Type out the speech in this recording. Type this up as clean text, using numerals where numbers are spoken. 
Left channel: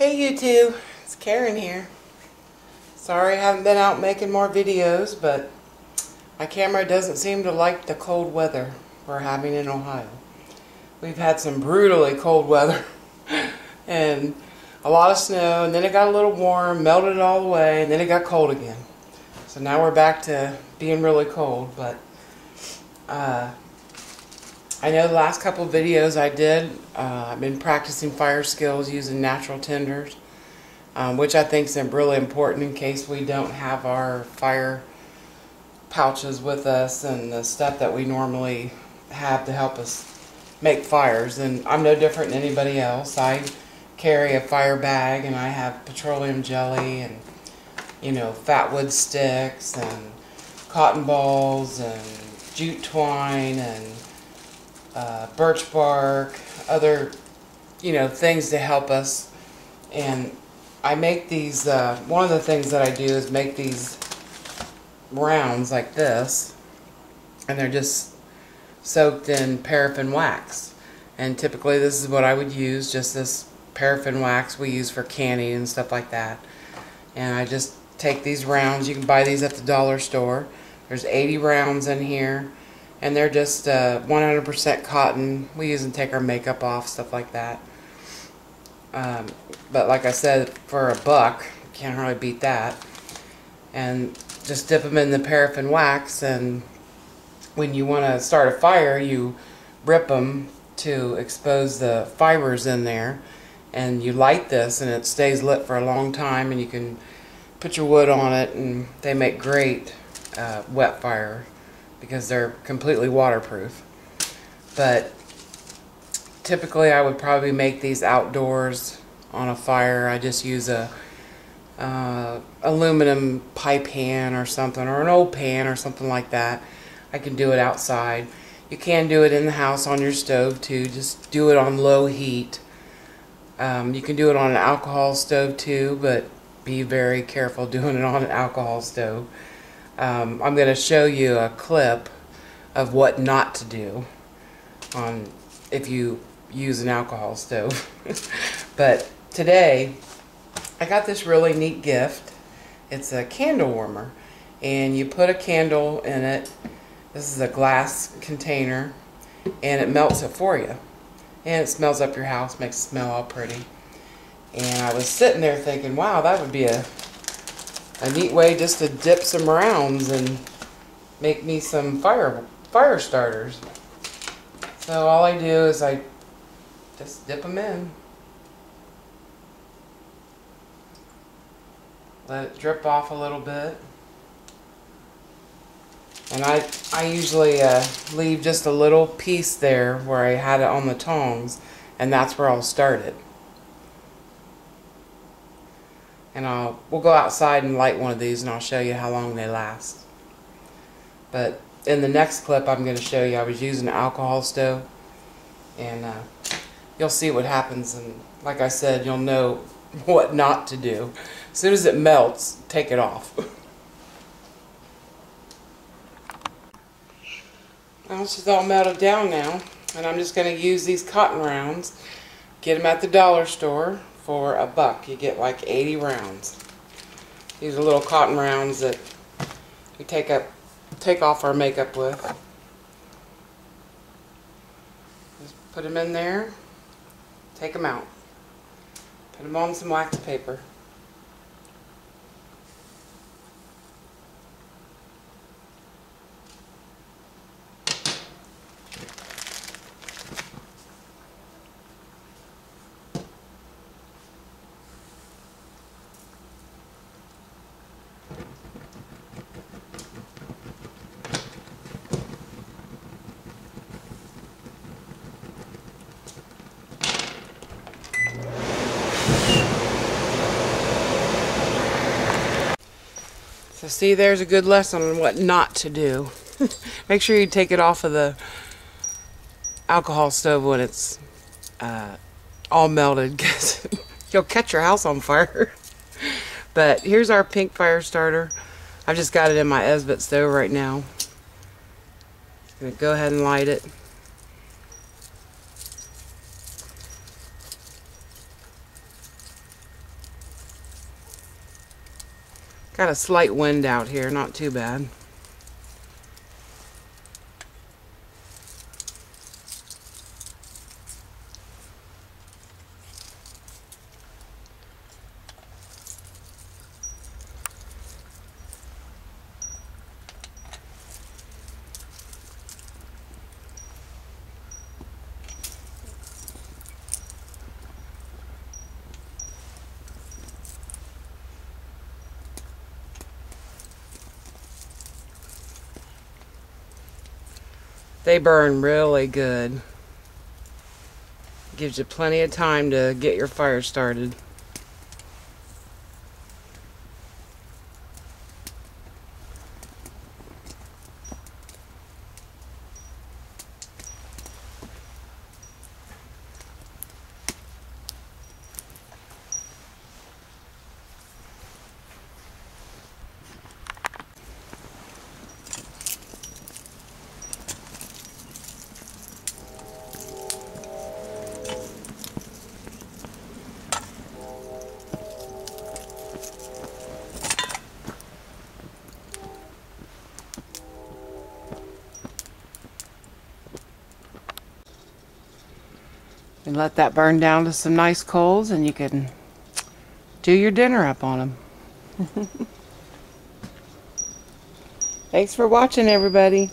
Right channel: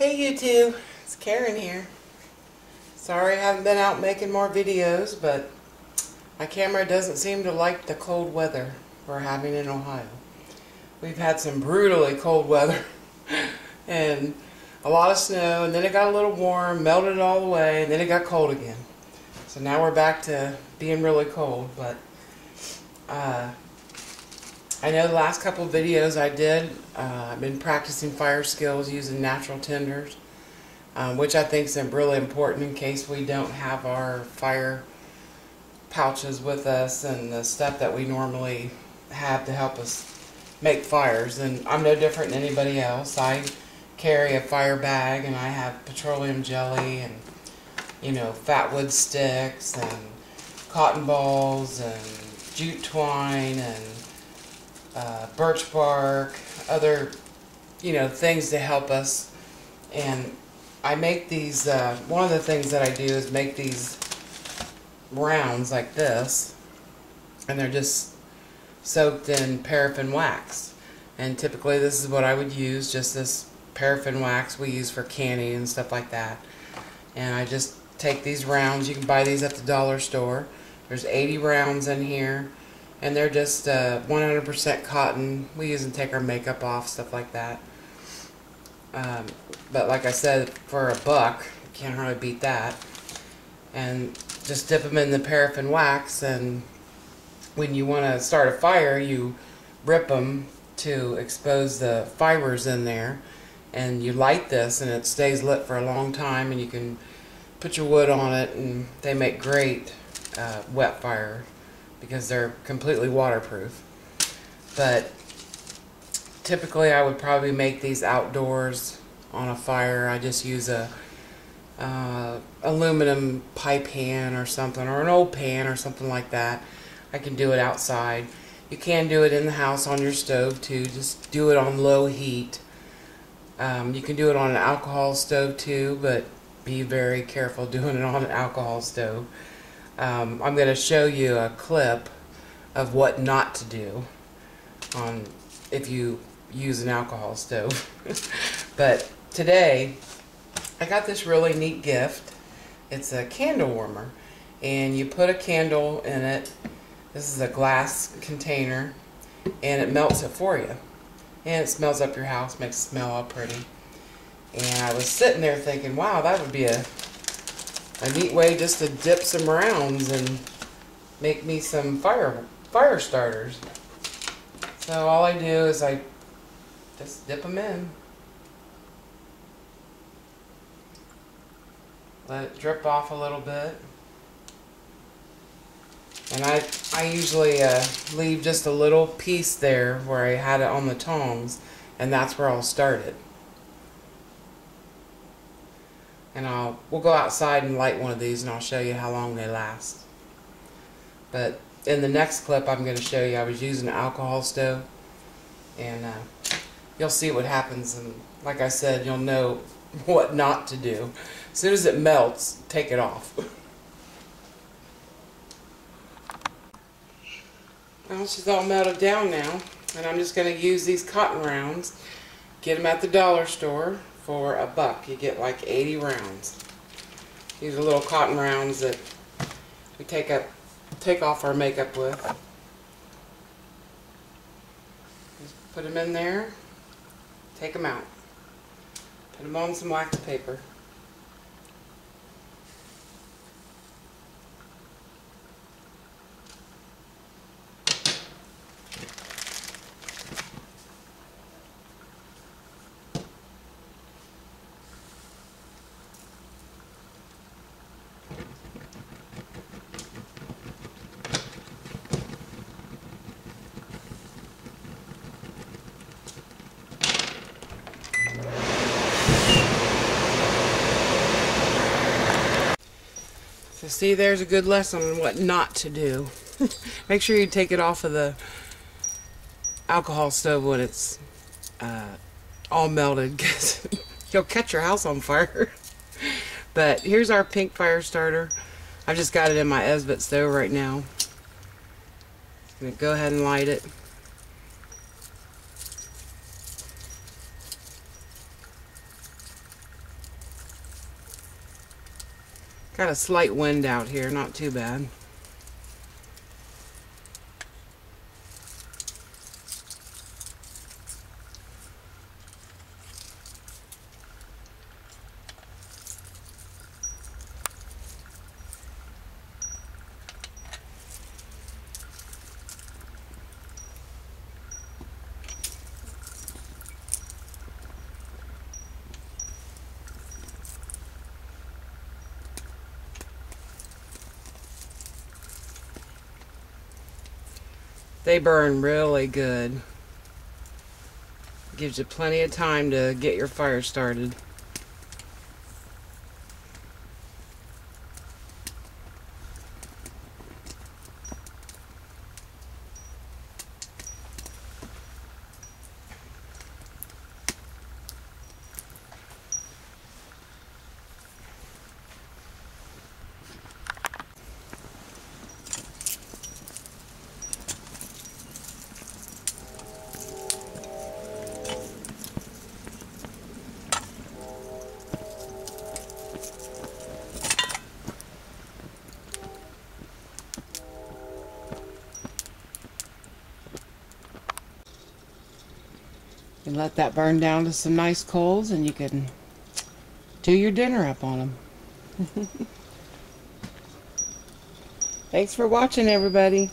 Hey YouTube, it's Karen here. Sorry I haven't been out making more videos, but my camera doesn't seem to like the cold weather we're having in Ohio. We've had some brutally cold weather and a lot of snow, and then it got a little warm, melted it all away, and then it got cold again. So now we're back to being really cold, but I know the last couple of videos I did, I've been practicing fire skills using natural tinders, which I think is really important in case we don't have our fire pouches with us and the stuff that we normally have to help us make fires. And I'm no different than anybody else. I carry a fire bag, and I have petroleum jelly and, you know, fat wood sticks and cotton balls and jute twine and birch bark, other, you know, things to help us. And I make these, one of the things that I do is make these rounds like this, and they're just soaked in paraffin wax. And typically this is what I would use, just this paraffin wax we use for canning and stuff like that. And I just take these rounds. You can buy these at the dollar store. There's 80 rounds in here, and they're just 100% cotton. We use them to take our makeup off, stuff like that. But like I said, for a buck, can't hardly beat that. And just dip them in the paraffin wax, and when you want to start a fire, you rip them to expose the fibers in there, and you light this, and it stays lit for a long time, and you can put your wood on it, and they make great wet fire because they're completely waterproof. But typically I would probably make these outdoors on a fire. I just use a aluminum pie pan or something, or an old pan or something like that. I can do it outside. You can do it in the house on your stove too. Just do it on low heat. You can do it on an alcohol stove too, but be very careful doing it on an alcohol stove. I'm going to show you a clip of what not to do on if you use an alcohol stove. But today I got this really neat gift. It's a candle warmer, and you put a candle in it. This is a glass container, and it melts it for you, and it smells up your house, makes it smell all pretty. And I was sitting there thinking, wow, that would be a neat way just to dip some rounds and make me some fire starters. So all I do is I just dip them in, let it drip off a little bit, and I usually leave just a little piece there where I had it on the tongs, and that's where I'll start it. And we'll go outside and light one of these, and I'll show you how long they last. But in the next clip, I'm going to show you I was using an alcohol stove, and you'll see what happens. And like I said, you'll know what not to do. As soon as it melts, take it off. Well, it's just all melted down now, and I'm just going to use these cotton rounds. Get them at the dollar store for a buck. You get like 80 rounds. These are little cotton rounds that we take off our makeup with. Just put them in there, take them out, put them on some wax paper. So see, there's a good lesson on what not to do. Make sure you take it off of the alcohol stove when it's all melted, because you'll catch your house on fire. But here's our pink fire starter. I've just got it in my Esbit stove right now. I'm going to go ahead and light it. Got a slight wind out here, not too bad. They burn really good. Gives you plenty of time to get your fire started. And let that burn down to some nice coals, and you can do your dinner up on them. Thanks for watching, everybody.